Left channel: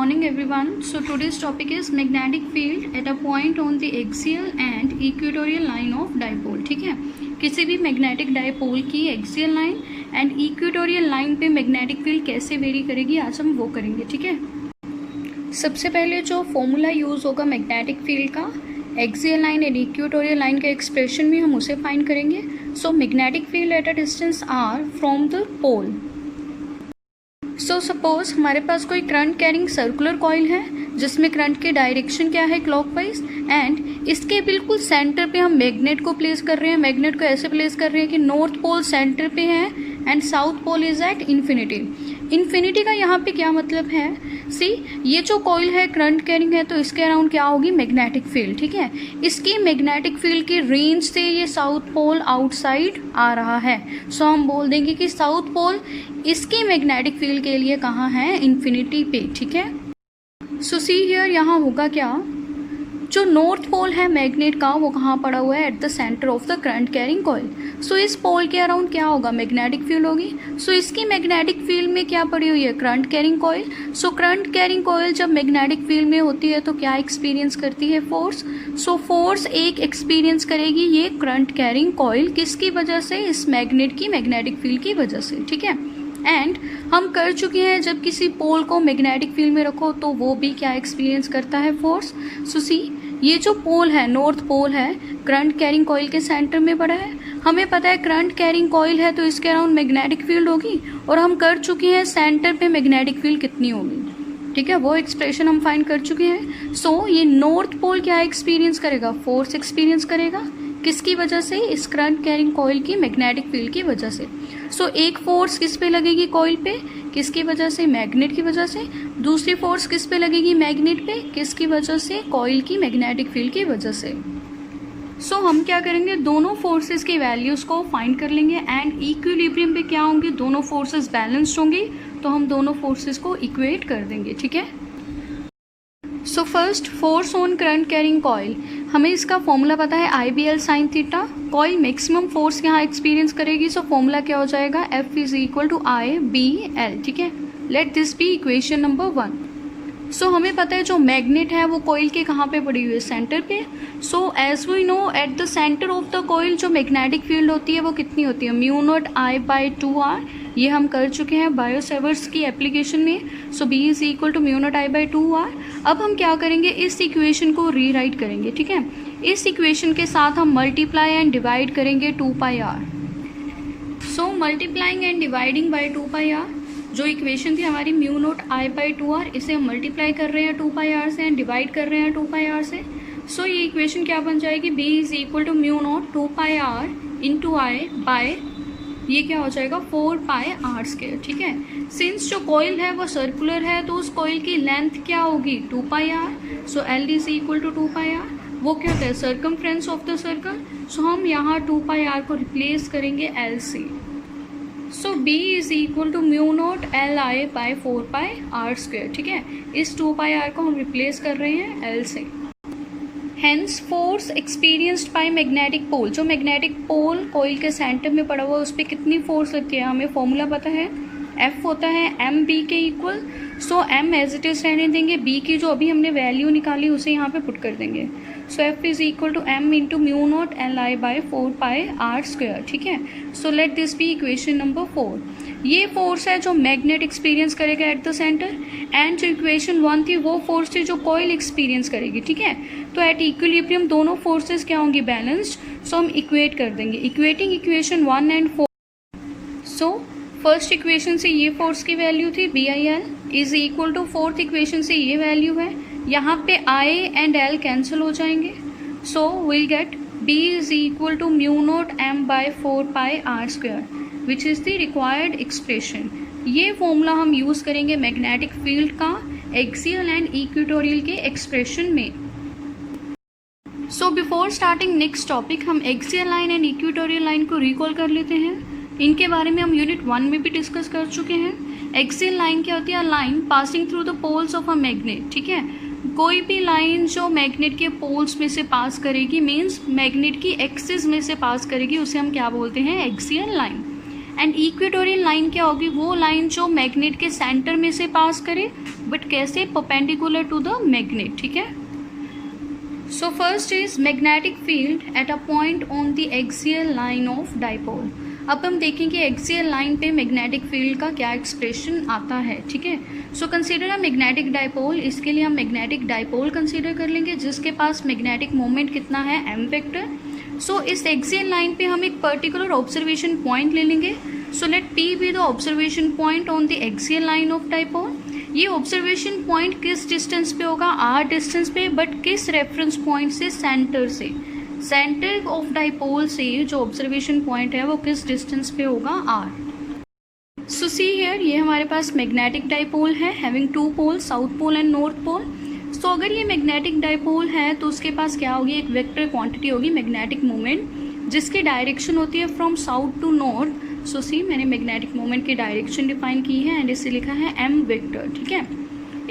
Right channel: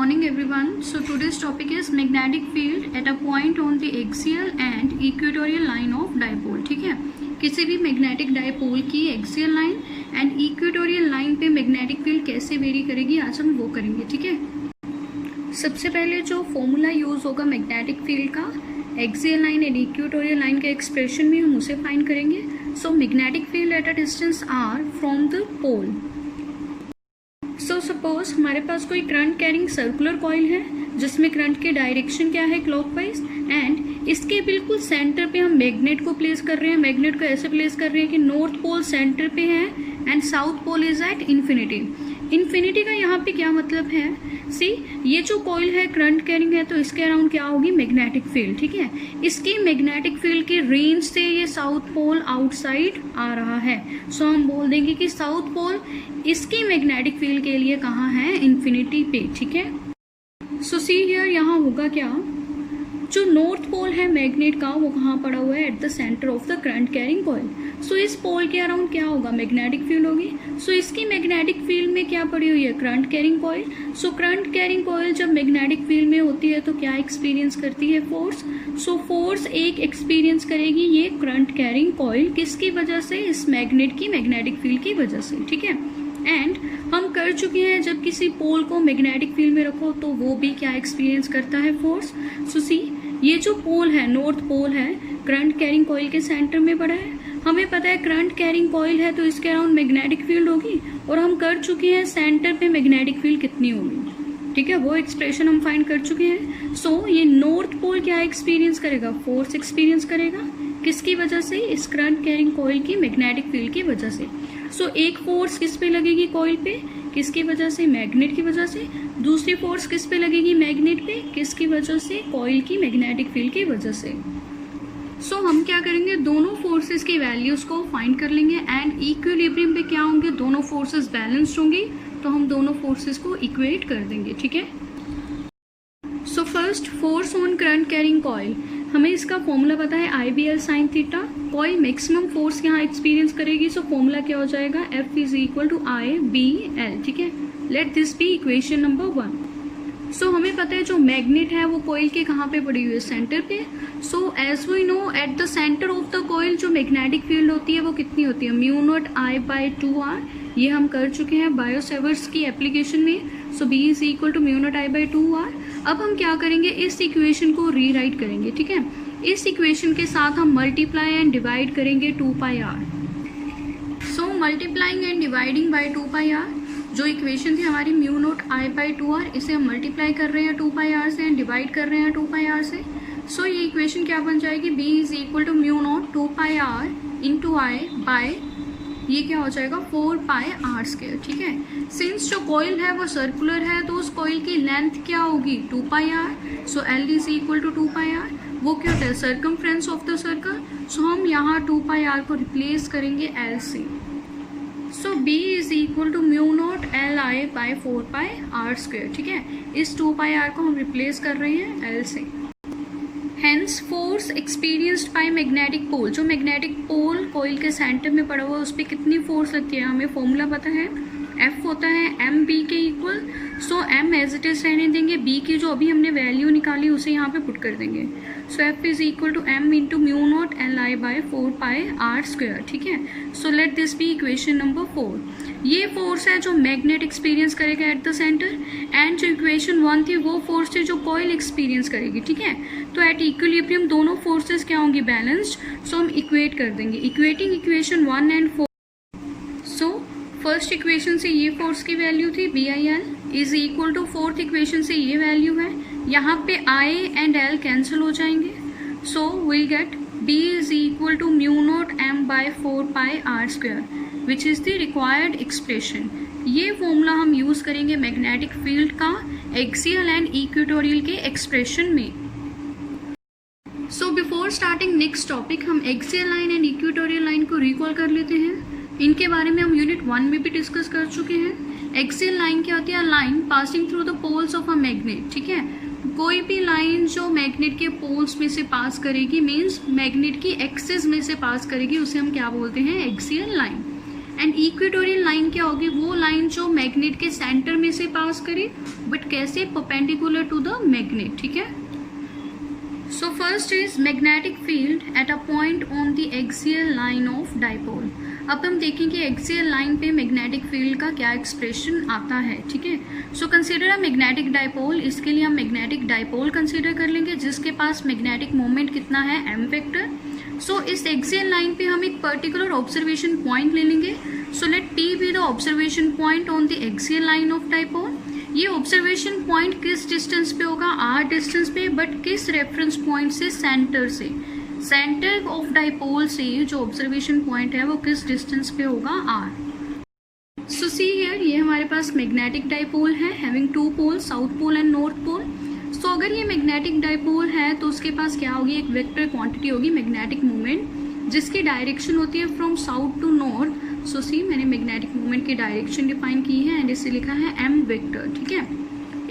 morning everyone. So today's topic is magnetic field at a point on the axial and equatorial line of dipole. ठीक है, किसी भी magnetic dipole की axial line and equatorial line पे magnetic field कैसे vary करेगी, आज हम वो करेंगे. ठीक है, सबसे पहले जो फॉर्मूला यूज होगा मैग्नेटिक फील्ड का axial line and equatorial line के एक्सप्रेशन में, हम उसे फाइंड करेंगे. So magnetic field at a distance R from the pole. So suppose हमारे पास कोई करंट कैरिंग सर्कुलर कॉइल है जिसमें करंट की डायरेक्शन क्या है, क्लॉकवाइज, एंड इसके बिल्कुल सेंटर पे हम मैग्नेट को प्लेस कर रहे हैं. मैग्नेट को ऐसे प्लेस कर रहे हैं कि नॉर्थ पोल सेंटर पे है and south pole is at infinity. Infinity का यहाँ पे क्या मतलब है, सी ये जो कॉइल है करंट कैरिंग है तो इसके अराउंड क्या होगी, मैग्नेटिक फील्ड. ठीक है, इसकी मैग्नेटिक फील्ड की रेंज से ये साउथ पोल आउटसाइड आ रहा है. सो हम बोल देंगे कि साउथ पोल इसकी मैग्नेटिक फील्ड के लिए कहाँ है, इन्फिनिटी पे. ठीक है, सो सी हियर यहाँ होगा क्या, जो नॉर्थ पोल है मैग्नेट का वो कहाँ पड़ा हुआ है, at the centre of the current carrying coil. So इस पोल के अराउंड क्या होगा, मैग्नेटिक फील्ड होगी. सो इसकी मैग्नेटिक फील्ड में क्या पड़ी हुई है, current carrying coil. So current carrying coil जब मैग्नेटिक फील्ड में होती है तो क्या एक्सपीरियंस करती है, फोर्स. सो फोर्स एक एक्सपीरियंस करेगी ये करंट कैरिंग कॉइल, किसकी वजह से, इस मैग्नेट की मैग्नेटिक फील्ड की वजह से. ठीक है, एंड हम कर चुके हैं जब किसी पोल को मैग्नेटिक फील्ड में रखो तो वो भी क्या एक्सपीरियंस करता है, फोर्स. सो सी ये जो पोल है, नॉर्थ पोल है, करंट कैरिंग कॉइल के सेंटर में पड़ा है. हमें पता है करंट कैरिंग कॉइल है तो इसके अराउंड मैग्नेटिक फील्ड होगी, और हम कर चुके हैं सेंटर पे मैग्नेटिक फील्ड कितनी होगी. ठीक है, वो एक्सप्रेशन हम फाइंड कर चुके हैं. सो ये नॉर्थ पोल क्या एक्सपीरियंस करेगा, फोर्स एक्सपीरियंस करेगा, किसकी वजह से, इस करंट कैरिंग कॉइल की मैग्नेटिक फील्ड की वजह से. सो एक फोर्स किस पे लगेगी, कॉइल पे, किसकी वजह से, मैग्नेट की वजह से. दूसरी फोर्स किस पे लगेगी, मैग्नेट पे, किसकी वजह से, कॉइल की मैग्नेटिक फील्ड की वजह से. सो हम क्या करेंगे, दोनों फोर्सेस की वैल्यूज को फाइंड कर लेंगे एंड इक्विलिब्रियम पे क्या होंगे, दोनों फोर्सेस बैलेंस्ड होंगी तो हम दोनों फोर्सेस को इक्वेट कर देंगे. ठीक है, so first force on current carrying coil, हमें इसका फॉर्मूला पता है IBL sin theta. Coil maximum force यहाँ एक्सपीरियंस करेगी, सो फॉर्मूला क्या हो जाएगा, F is equal to IBL. ठीक है, let this be equation number 1. So हमें पता है जो मैग्नेट है वो कॉइल के कहाँ पे पड़ी हुई है, सेंटर पे. So as we know at the centre of the coil जो मैग्नेटिक फील्ड होती है वो कितनी होती है, μ0I/2R. ये हम कर चुके हैं बायो सेवर्ट्स की एप्लीकेशन में. So B is equal to μ0I/2R. अब हम क्या करेंगे, इस इक्वेशन को रीराइट करेंगे. ठीक है, इस इक्वेशन के साथ हम मल्टीप्लाई एंड डिवाइड करेंगे 2πr. So multiplying and dividing by 2πr, जो इक्वेशन थी हमारी μ0I/2R, इसे हम मल्टीप्लाई कर रहे हैं 2πr से एंड डिवाइड कर रहे हैं 2πr से. सो ये इक्वेशन क्या बन जाएगी, B is equal to μ0 2πr into I by, ये क्या हो जाएगा 4πr². ठीक है, सिंस जो कॉइल है वो सर्कुलर है तो उस कॉइल की लेंथ क्या होगी, 2πr. So L is equal to 2πr. वो क्या होता है, circumference of the circle. So हम यहाँ 2πr को रिप्लेस करेंगे L से. So B is equal to μ0 Li/4πr². ठीक है, इस 2πr को हम रिप्लेस कर रहे हैं L से. Hence force experienced by magnetic pole, जो मैग्नेटिक पोल कॉइल के सेंटर में पड़ा हुआ है उस पर कितनी फोर्स लगती है, हमें फॉर्मूला पता है, F होता है MB के equal. So M as it is रहने देंगे, B की जो अभी हमने वैल्यू निकाली उसे यहाँ पे पुट कर देंगे. So F is equal to M into μ0 Li/4πr². ठीक है, so let this be equation number 4. ये फोर्स है जो मैग्नेट एक्सपीरियंस करेगा एट द सेंटर, एंड जो इक्वेशन 1 थी वो फोर्स थी जो कॉइल एक्सपीरियंस करेगी. ठीक है, तो एट इक्विलिब्रियम दोनों फोर्सेस क्या होंगी, बैलेंस्ड. सो हम इक्वेट कर देंगे, equating equation 1 and 4. So first equation से ये फोर्स की वैल्यू थी BIL is equal to, fourth equation से ये वैल्यू है, यहाँ पे I एंड L कैंसिल हो जाएंगे. So will get B is equal to μ0 M/4πr², which is the required expression. ये फॉर्मूला हम यूज करेंगे मैग्नेटिक फील्ड का एक्सियल एंड इक्वेटोरियल के एक्सप्रेशन में. So before starting next topic, हम axial line and equatorial line को recall कर लेते हैं. इनके बारे में हम यूनिट 1 में भी डिस्कस कर चुके हैं. एक्सियल लाइन क्या होती है, line passing through the poles of a magnet. ठीक है, कोई भी लाइन जो मैग्नेट के पोल्स में से पास करेगी, मीन्स मैग्नेट की एक्सिस में से पास करेगी, उसे हम क्या बोलते हैं, axial line. And equatorial line क्या होगी, वो लाइन जो मैग्नेट के सेंटर में से पास करे, बट कैसे, परपेंडिकुलर टू द मैग्नेट, ठीक है। So first is magnetic field at a point on the axial line of dipole. अब हम देखेंगे एक्सियल लाइन पे मैग्नेटिक फील्ड का क्या एक्सप्रेशन आता है, ठीक है। So consider a magnetic dipole, इसके लिए हम मैग्नेटिक डाइपोल कंसीडर कर लेंगे जिसके पास मैग्नेटिक मोमेंट कितना है, m वेक्टर। सो इस एक्सियल लाइन पे हम एक पर्टिकुलर ऑब्जर्वेशन पॉइंट ले लेंगे। So let P be the observation point on the axial line of dipole. ये ऑब्जर्वेशन पॉइंट किस डिस्टेंस पे होगा, r डिस्टेंस पे, बट किस रेफरेंस पॉइंट से, सेंटर से। सेंटर ऑफ डाइपोल से जो ऑब्जर्वेशन पॉइंट है वो किस डिस्टेंस पे होगा, r। सो सी हियर, ये हमारे पास मैग्नेटिक डाइपोल है having two pole, south pole and north pole. So अगर ये मैग्नेटिक डाइपोल है तो उसके पास क्या होगी, एक वेक्टर क्वांटिटी होगी मैग्नेटिक मोमेंट जिसकी डायरेक्शन होती है from south to north. So see, मैंने मैग्नेटिक मोमेंट की डायरेक्शन डिफाइन की है एंड इसे लिखा है m वेक्टर, ठीक है।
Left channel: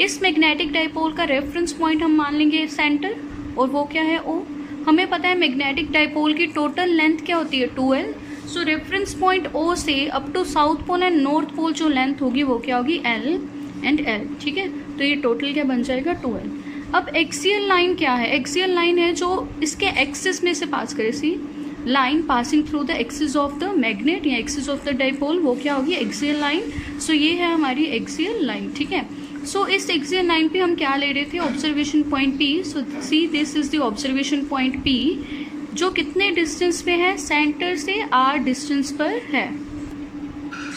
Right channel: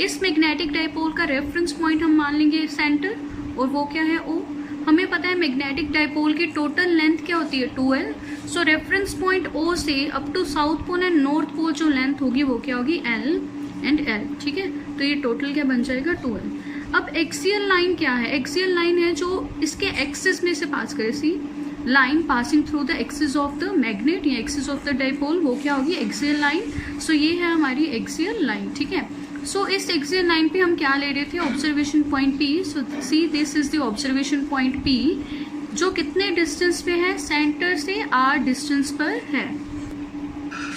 इस मैग्नेटिक डाइपोल का रेफरेंस पॉइंट हम मान लेंगे सेंटर, और वो क्या है, O। हमें पता है मैग्नेटिक डाइपोल की टोटल लेंथ क्या होती है, 2l। So reference point O से up to south pole and north pole जो लेंथ होगी वो क्या होगी, l एंड l, ठीक है। तो ये टोटल क्या बन जाएगा, 2l। अब एक्सियल लाइन क्या है, एक्सियल लाइन है जो इसके एक्सिस में से पास करे, see line passing through the axis of the magnet या एक्सिस ऑफ द डाइपोल, वो क्या होगी, एक्सियल लाइन। सो ये है हमारी एक्सियल लाइन, ठीक है। सो इस एक्सियल लाइन पे हम क्या ले रहे थे, observation point P। So see, this is the observation point P जो कितने डिस्टेंस पे है, सेंटर से r डिस्टेंस पर है।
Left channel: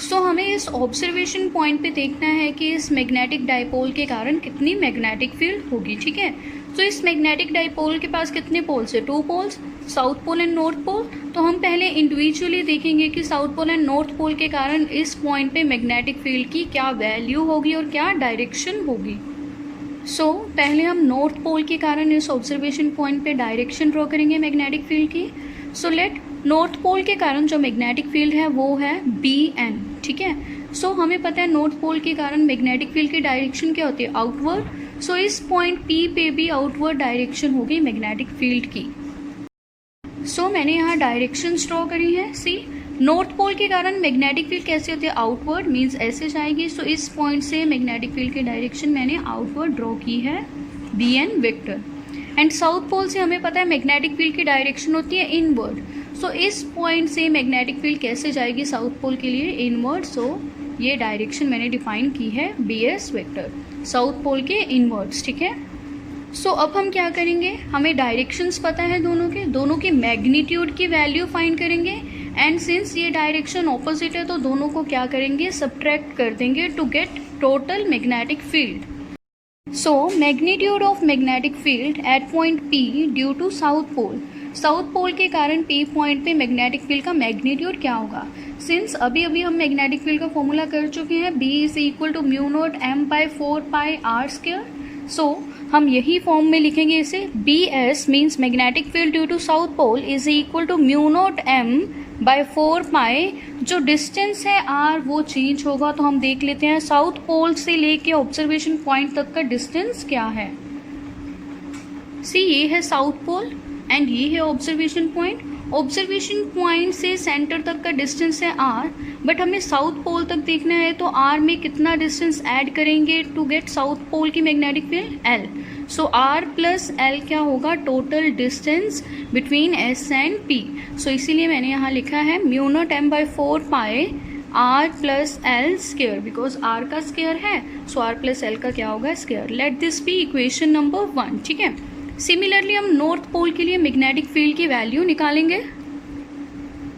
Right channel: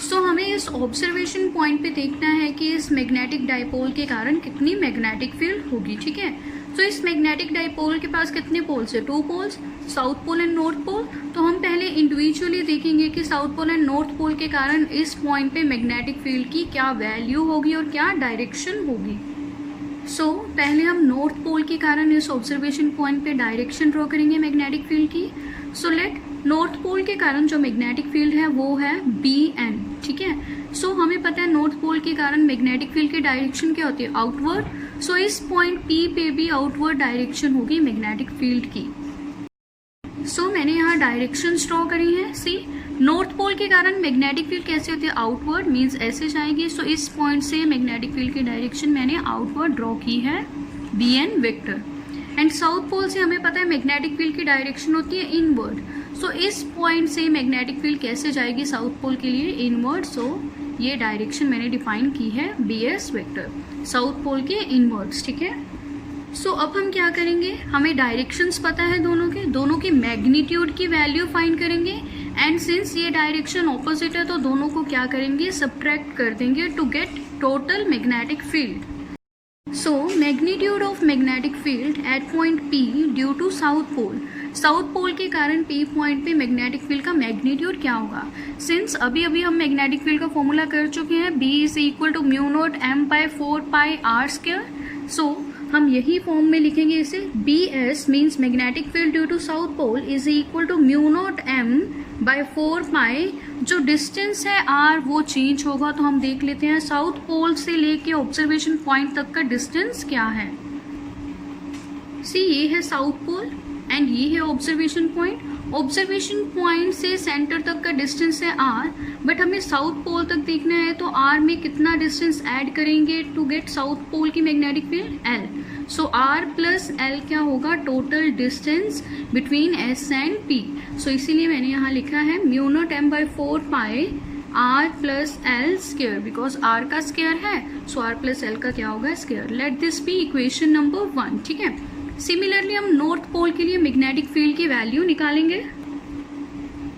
सो हमें इस ऑब्जर्वेशन पॉइंट पे देखना है कि इस मैग्नेटिक डाइपोल के कारण कितनी मैग्नेटिक फील्ड होगी, ठीक है। तो इस मैग्नेटिक डाइपोल के पास कितने पोल्स है, 2 poles, south pole and north pole. तो हम पहले इंडिविजुअली देखेंगे कि south pole and north pole के कारण इस पॉइंट पे मैग्नेटिक फील्ड की क्या वैल्यू होगी और क्या डायरेक्शन होगी। सो पहले हम नॉर्थ पोल के कारण इस ऑब्जर्वेशन पॉइंट पे डायरेक्शन ड्रॉ करेंगे मैग्नेटिक फील्ड की। सो लेट नॉर्थ पोल के कारण जो मैग्नेटिक फील्ड है वो है BN, ठीक है। सो हमें पता है नॉर्थ पोल के कारण मैग्नेटिक फील्ड की डायरेक्शन क्या होती है, आउटवर्ड। सो इस पॉइंट P पे भी आउटवर्ड डायरेक्शन होगी मैग्नेटिक फील्ड की। सो मैंने यहाँ डायरेक्शन ड्रॉ करी है। सी, नॉर्थ पोल के कारण मैग्नेटिक फील्ड कैसे होती है, आउटवर्ड, मीन्स ऐसे जाएगी। सो इस पॉइंट से मैग्नेटिक फील्ड की डायरेक्शन मैंने आउटवर्ड ड्रॉ की है, BN vector. And south pole से हमें पता है मैग्नेटिक फील्ड की डायरेक्शन होती है इनवर्ड। सो इस पॉइंट से मैग्नेटिक फील्ड कैसे जाएगी साउथ पोल के लिए, इनवर्ड। सो ये डायरेक्शन मैंने डिफाइन की है BS वेक्टर, साउथ पोल के इनवर्ड्स, ठीक है। सो अब हम क्या करेंगे, हमें डायरेक्शंस पता है दोनों की मैग्नीट्यूड की वैल्यू फाइंड करेंगे। एंड सिंस ये डायरेक्शन ऑपोजिट है तो दोनों को क्या करेंगे, सब्ट्रैक्ट कर देंगे to get total magnetic field. So magnitude of magnetic field at point P due to south pole. South pole के कारण P पॉइंट पे मैग्नेटिक फील्ड का मैग्नीट्यूड क्या होगा। सिंस अभी हम मैग्नेटिक फील्ड का फॉर्मूला कर चुके हैं, B is equal to mu naught m by 4 pi r square. So हम यही फॉर्म में लिखेंगे इसे, BS means magnetic field due to south pole is equal to mu naught m by 4 pi. जो डिस्टेंस है r वो change होगा, तो हम देख लेते हैं साउथ पोल से लेके ऑब्जर्वेशन पॉइंट तक का डिस्टेंस क्या है। सी, ये है साउथ पोल एंड ये है ऑब्जर्वेशन पॉइंट। ऑब्जर्वेशन पॉइंट से सेंटर तक का डिस्टेंस है r, बट हमें साउथ पोल तक देखना है तो r में कितना डिस्टेंस ऐड करेंगे टू गेट साउथ पोल की magnetic field, l। So r plus l क्या होगा, total distance between s and p। So इसीलिए मैंने यहाँ लिखा है mu naught m by 4 pi r plus l square, because r का स्क्वायर है, सो r प्लस l का क्या होगा, square. Let this be equation number 1, ठीक है। सिमिलरली हम नॉर्थ पोल के लिए मैग्नेटिक फील्ड की वैल्यू निकालेंगे।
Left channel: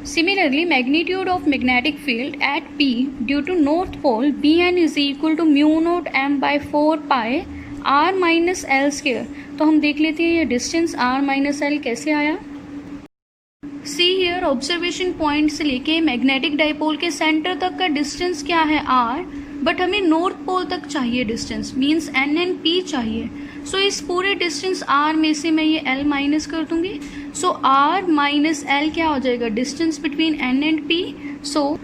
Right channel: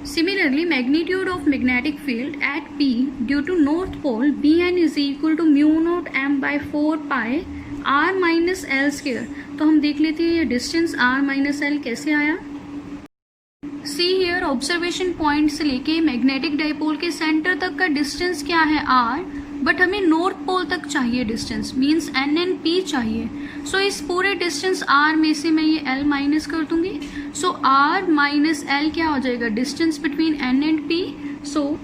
Similarly magnitude of magnetic field at P due to north pole BN is equal to mu naught m by 4 pi r minus l square. तो हम देख लेते हैं ये डिस्टेंस r माइनस l कैसे आया। सी हियर, ऑब्जर्वेशन पॉइंट से लेके मैग्नेटिक डाइपोल के सेंटर तक का डिस्टेंस क्या है r, बट हमें नॉर्थ पोल तक चाहिए distance, means n and p चाहिए। सो इस पूरे डिस्टेंस r में से मैं ये l माइनस कर दूंगी। सो r माइनस l क्या हो जाएगा, distance between n and p। So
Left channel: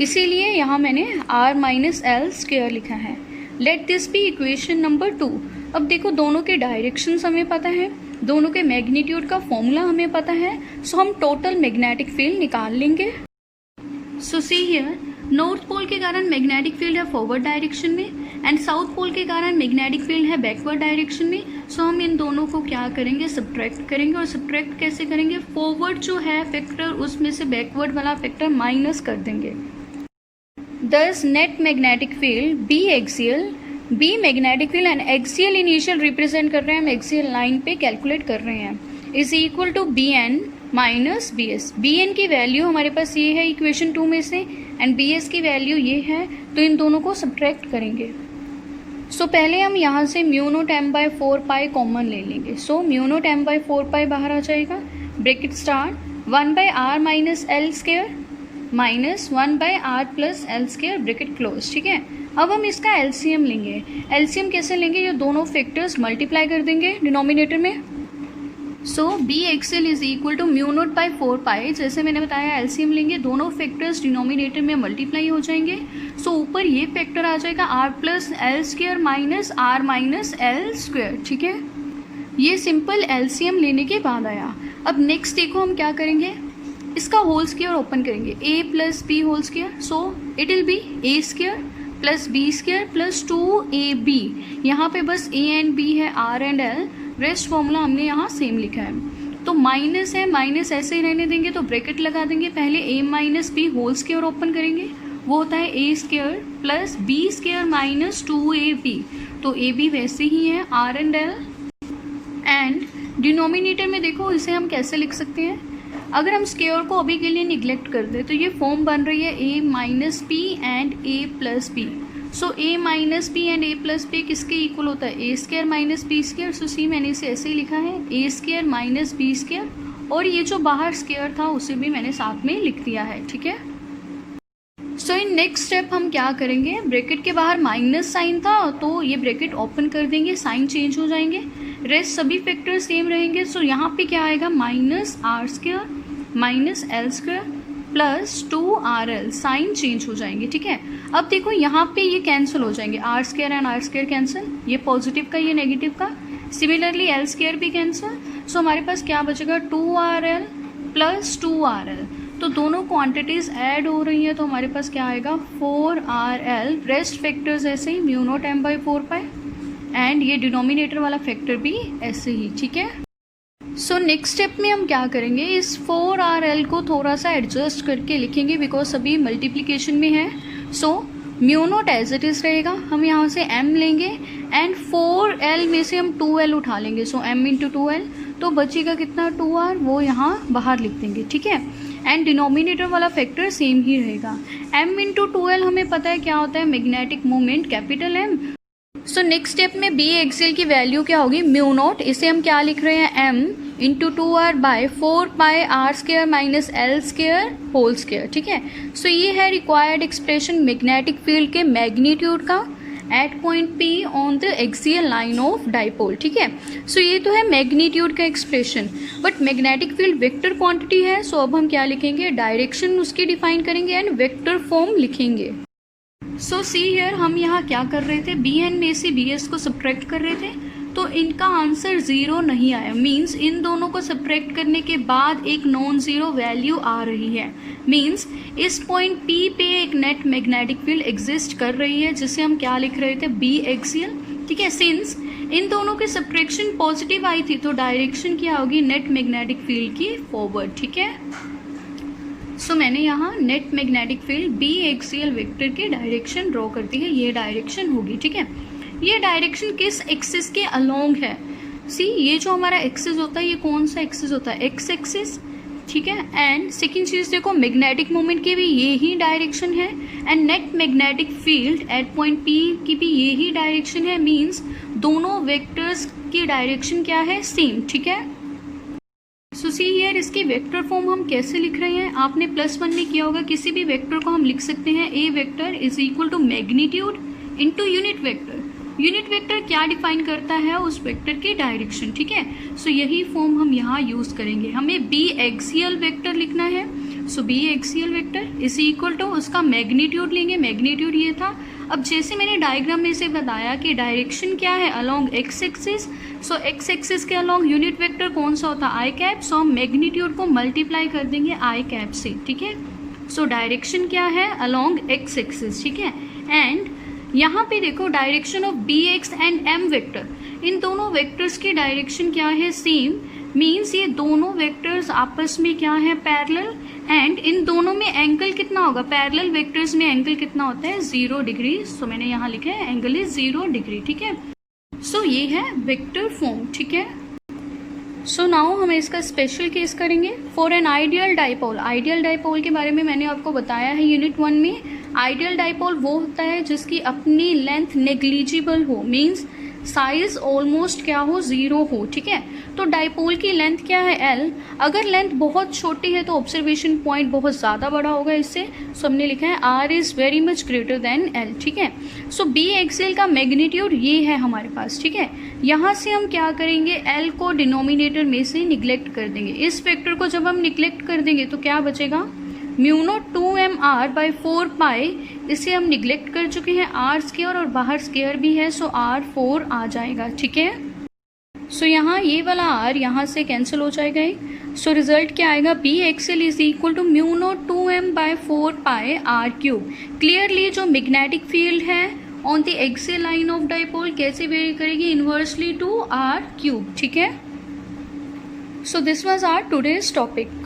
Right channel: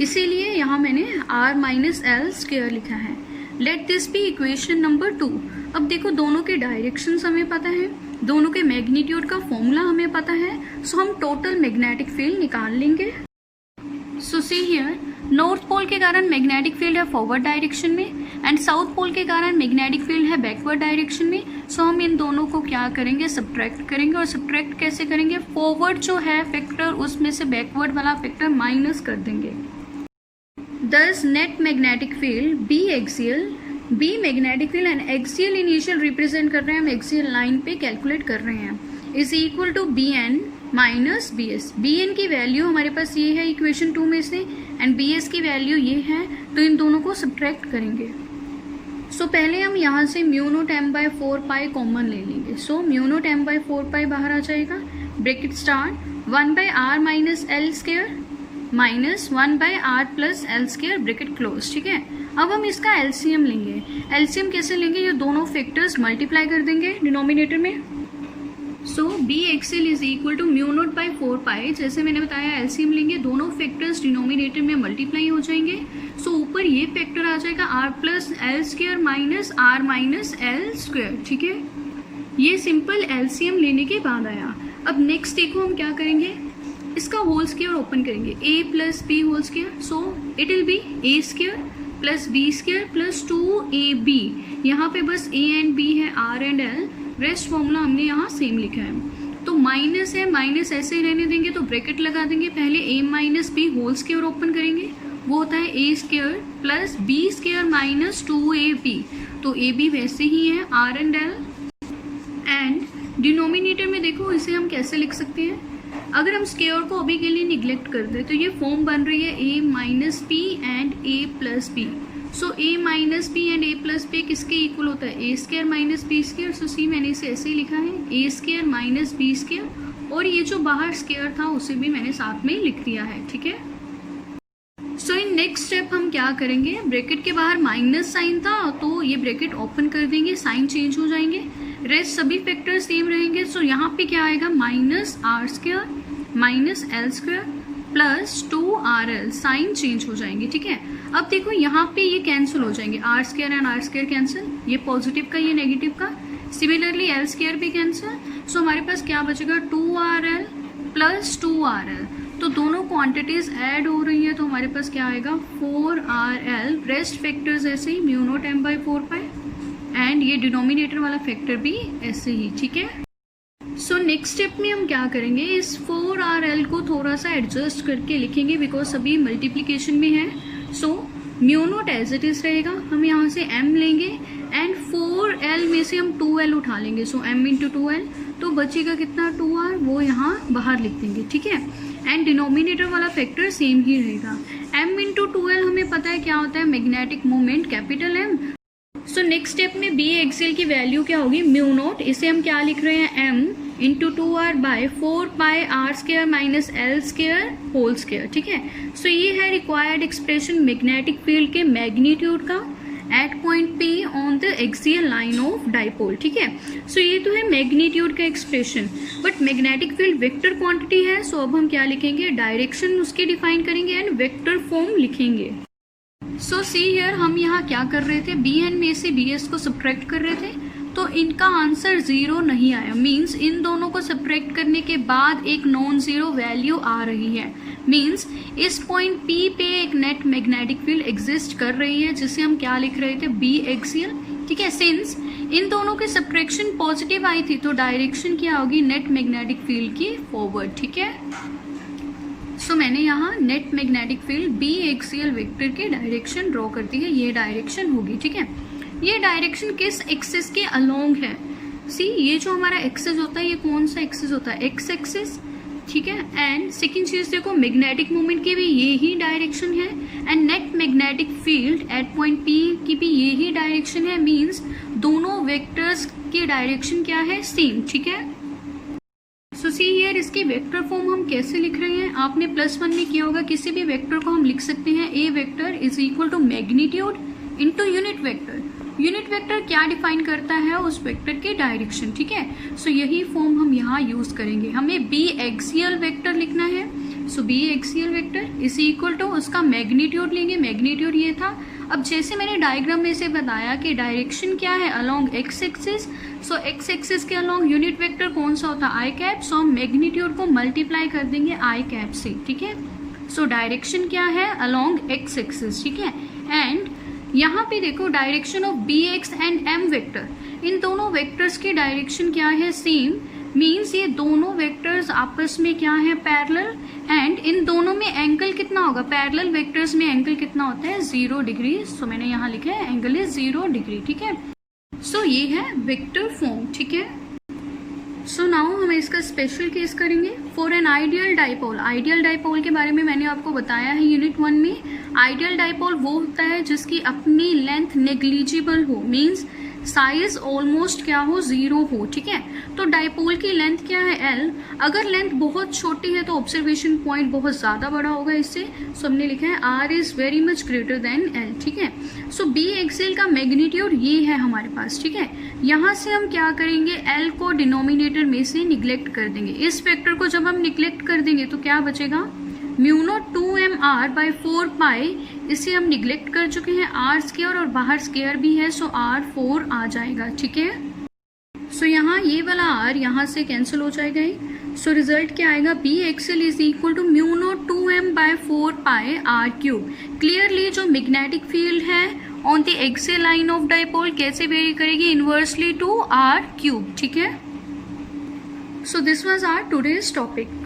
इसीलिए यहाँ मैंने r माइनस l स्क्वायर लिखा है। Let this be equation number 2। अब देखो दोनों के डायरेक्शंस हमें पता है, दोनों के मैग्नीट्यूड का फॉर्मूला हमें पता है। सो हम टोटल मैग्नेटिक फील्ड निकाल लेंगे। सो सी हियर, नॉर्थ पोल के कारण मैग्नेटिक फील्ड है फॉरवर्ड डायरेक्शन में एंड साउथ पोल के कारण मैग्नेटिक फील्ड है बैकवर्ड डायरेक्शन में। सो हम इन दोनों को क्या करेंगे, सब्ट्रैक्ट करेंगे। और सब्ट्रैक्ट कैसे करेंगे, फॉरवर्ड जो है फैक्टर उसमें से बैकवर्ड वाला फैक्टर माइनस कर देंगे। Thus net magnetic field B axial, B magnetic field and axial initial represent कर रहे हैं, हम एक्सियल लाइन पे कैलकुलेट कर रहे हैं, is equal to B N minus B S. B N की वैल्यू हमारे पास ये है इक्वेशन 2 में से एंड बी एस की वैल्यू ये है, तो इन दोनों को सब्ट्रैक्ट करेंगे। सो पहले हम यहाँ से mu naught M by 4 pi common ले लेंगे। So mu naught M by 4 pi बाहर आ जाएगा, bracket start 1 by R minus L square minus 1 by R plus L square, bracket close. ठीक है, अब हम इसका एलसीएम लेंगे। एलसीएम कैसे लेंगे, ये दोनों फैक्टर्स मल्टीप्लाई कर देंगे डिनोमिनेटर में। So B axial is equal to mu naught by 4 pi, जैसे मैंने बताया एलसीएम लेंगे, दोनों फैक्टर्स डिनोमिनेटर में मल्टीप्लाई हो जाएंगे। सो ऊपर ये फैक्टर आ जाएगा R plus L square minus R minus L square. ठीक है, ये सिंपल एलसीएम लेने के बाद आया। अब नेक्स्ट देखो हम क्या करेंगे, इसका होल स्क्वायर ओपन करेंगे, A plus B whole square. So it will be A square plus B square plus 2ab। यहाँ पे बस ए एंड बी है, R and L, rest formula हमने यहाँ सेम लिखा है। तो माइनस है, माइनस ऐसे ही रहने देंगे, तो ब्रैकेट लगा देंगे। पहले A minus B whole square open करेंगे, वो होता है A square plus B square minus 2ab। तो ए बी वैसे ही है, R and L. And denominator में देखो इसे हम कैसे लिख सकते हैं, अगर हम स्क्वायर को अभी के लिए निग्लेक्ट कर दे तो ये फॉर्म बन रही है A minus B and A plus B. So A minus B and A plus B किसके इक्वल होता है, A square minus B square. So see मैंने इसे ऐसे ही लिखा है, A square minus B square, और ये जो बाहर स्क्वायर था उसे भी मैंने साथ में लिख दिया है। ठीक है, सो इन नेक्स्ट स्टेप हम क्या करेंगे, ब्रैकेट के बाहर माइनस साइन था तो ये ब्रैकेट ओपन कर देंगे, साइन चेंज हो जाएंगे, रेस्ट सभी फैक्टर सेम रहेंगे। सो यहाँ पे क्या आएगा, minus R square minus L square plus 2rl, sign change हो जाएंगे। ठीक है, अब देखो यहाँ पे ये कैंसिल हो जाएंगे, R square and R square cancel, ये पॉजिटिव का ये नेगेटिव का, सिमिलरली एल स्क्वायर भी कैंसिल। सो हमारे पास क्या बचेगा, 2rl प्लस 2rl। तो दोनों क्वांटिटीज ऐड हो रही है, तो हमारे पास क्या आएगा, 4rl। रेस्ट फैक्टर्स ऐसे ही, mu naught M by 4 pi, and ये डिनोमिनेटर वाला फैक्टर भी ऐसे ही। ठीक है, सो नेक्स्ट स्टेप में हम क्या करेंगे, इस 4rl को थोड़ा सा एडजस्ट करके लिखेंगे, बिकॉज अभी मल्टीप्लीकेशन में है। So mu naught as it is रहेगा, हम यहाँ से m लेंगे एंड 4l में से हम 2l उठा लेंगे। सो m इंटू 2l, तो बचेगा कितना, 2r, वो यहाँ बाहर लिख देंगे। ठीक है, एंड डिनोमिनेटर वाला फैक्टर सेम ही रहेगा। m इंटू 2l हमें पता है क्या होता है, magnetic moment capital M। So next step में बी एक्सियल की वैल्यू क्या होगी, म्यू नॉट, इसे हम क्या लिख रहे हैं, m into 2r by 4 pi R square minus L square whole square. ठीक है, सो ये है रिक्वायर्ड एक्सप्रेशन मैग्नेटिक फील्ड के मैग्नीट्यूड का at point P on the axial line of dipole. ठीक है, सो ये तो है मैग्नीट्यूड का expression, but magnetic field vector quantity है। सो अब हम क्या लिखेंगे, डायरेक्शन उसकी डिफाइन करेंगे एंड वेक्टर फॉर्म लिखेंगे। सो सी हियर, हम यहाँ क्या कर रहे थे, बी एन में से बी एस को सब्ट्रैक्ट कर रहे थे, तो इनका आंसर 0 नहीं आया, मीन्स इन दोनों को सब्ट्रैक्ट करने के बाद एक नॉन जीरो वैल्यू आ रही है। मीन्स इस पॉइंट P पे एक नेट मैग्नेटिक फील्ड एग्जिस्ट कर रही है, जिसे हम क्या लिख रहे थे, बी एक्सियल। ठीक है, सिंस इन दोनों के सब्ट्रैक्शन पॉजिटिव आई थी, तो डायरेक्शन क्या होगी, नेट मैग्नेटिक फील्ड की फॉरवर्ड। ठीक है, सो मैंने यहाँ net magnetic field B axial vector की डायरेक्शन ड्रॉ कर दी है, ये डायरेक्शन होगी। ठीक है, ये डायरेक्शन किस एक्सिस के अलोंग है, सी ये जो हमारा एक्सिस होता है, ये कौन सा एक्सिस होता है, एक्स एक्सिस। ठीक है, एंड सेकेंड चीज देखो, मैग्नेटिक मोमेंट की भी ये ही डायरेक्शन है, and net magnetic field at point P की भी ये ही डायरेक्शन है, मीन्स दोनों वेक्टर्स की डायरेक्शन क्या है, सेम। ठीक है, सो सी हियर, इसके वेक्टर फॉर्म हम कैसे लिख रहे हैं, आपने +1 में किया होगा, किसी भी वेक्टर को हम लिख सकते हैं, A vector is equal to magnitude into unit vector. Unit vector क्या डिफाइन करता है, उस वेक्टर की डायरेक्शन। ठीक है, सो यही फॉर्म हम यहाँ यूज करेंगे। हमें बी एक्सियल वेक्टर लिखना है, so B axial vector is equal to उसका मैग्नीट्यूड लेंगे, मैग्नीट्यूड ये था। अब जैसे मैंने डायग्राम में से बताया कि डायरेक्शन क्या है, अलोंग एक्स एक्सिस, सो एक्स एक्सिस के अलोंग यूनिट वेक्टर कौन सा होता है, आई कैप। सो हम मैग्नीट्यूड को मल्टीप्लाई कर देंगे आई कैप से। ठीक है, सो डायरेक्शन क्या है, अलोंग एक्स एक्सिस, ठीक है। एंड यहाँ पे देखो direction of B X and M vector, इन दोनों वेक्टर्स की डायरेक्शन क्या है, सेम, मीन्स ये दोनों वेक्टर्स आपस में क्या है, पैरेलल, एंड इन दोनों में एंगल कितना होगा, पैरेलल वेक्टर्स में एंगल कितना होता है, 0 डिग्री। सो मैंने यहाँ लिखा है एंगल इज 0 डिग्री, ठीक है। सो ये है वेक्टर फॉर्म, ठीक है। सो नाउ हम इसका स्पेशल केस करेंगे for an ideal dipole. Ideal dipole के बारे में मैंने आपको बताया है यूनिट 1 में। आइडियल डाइपोल वो होता है जिसकी अपनी लेंथ नेग्लिजिबल हो, मीन्स साइज ऑलमोस्ट क्या हो, 0 हो, ठीक है। तो डाइपोल की लेंथ क्या है, L। अगर लेंथ बहुत छोटी है तो ऑब्जर्वेशन पॉइंट बहुत ज्यादा बड़ा होगा इससे। सो हमने लिखा है R is very much greater than L, ठीक है। सो बी एक्सियल का मैग्नीट्यूड ये है हमारे पास, ठीक है। यहाँ से हम क्या करेंगे, L को डिनोमिनेटर में से निग्लेक्ट कर देंगे। इस फैक्टर को जब हम निग्लेक्ट कर देंगे तो क्या बचेगा, म्यू नॉट 2mr बाई 4 पाई, इसे हम निग्लेक्ट कर चुके हैं, r स्क्वायर और बाहर स्क्वायर भी है, सो r4 आ जाएगा, ठीक है। सो यहाँ ये वाला r यहाँ से कैंसिल हो जाएगा। सो रिजल्ट क्या आएगा, B axial is equal to mu naught 2m by 4 pi r cube. Clearly जो मैग्नेटिक फील्ड है on the axial line of dipole कैसे वेरी करेगी, इनवर्सली टू r क्यूब, ठीक है। So this was our today's topic.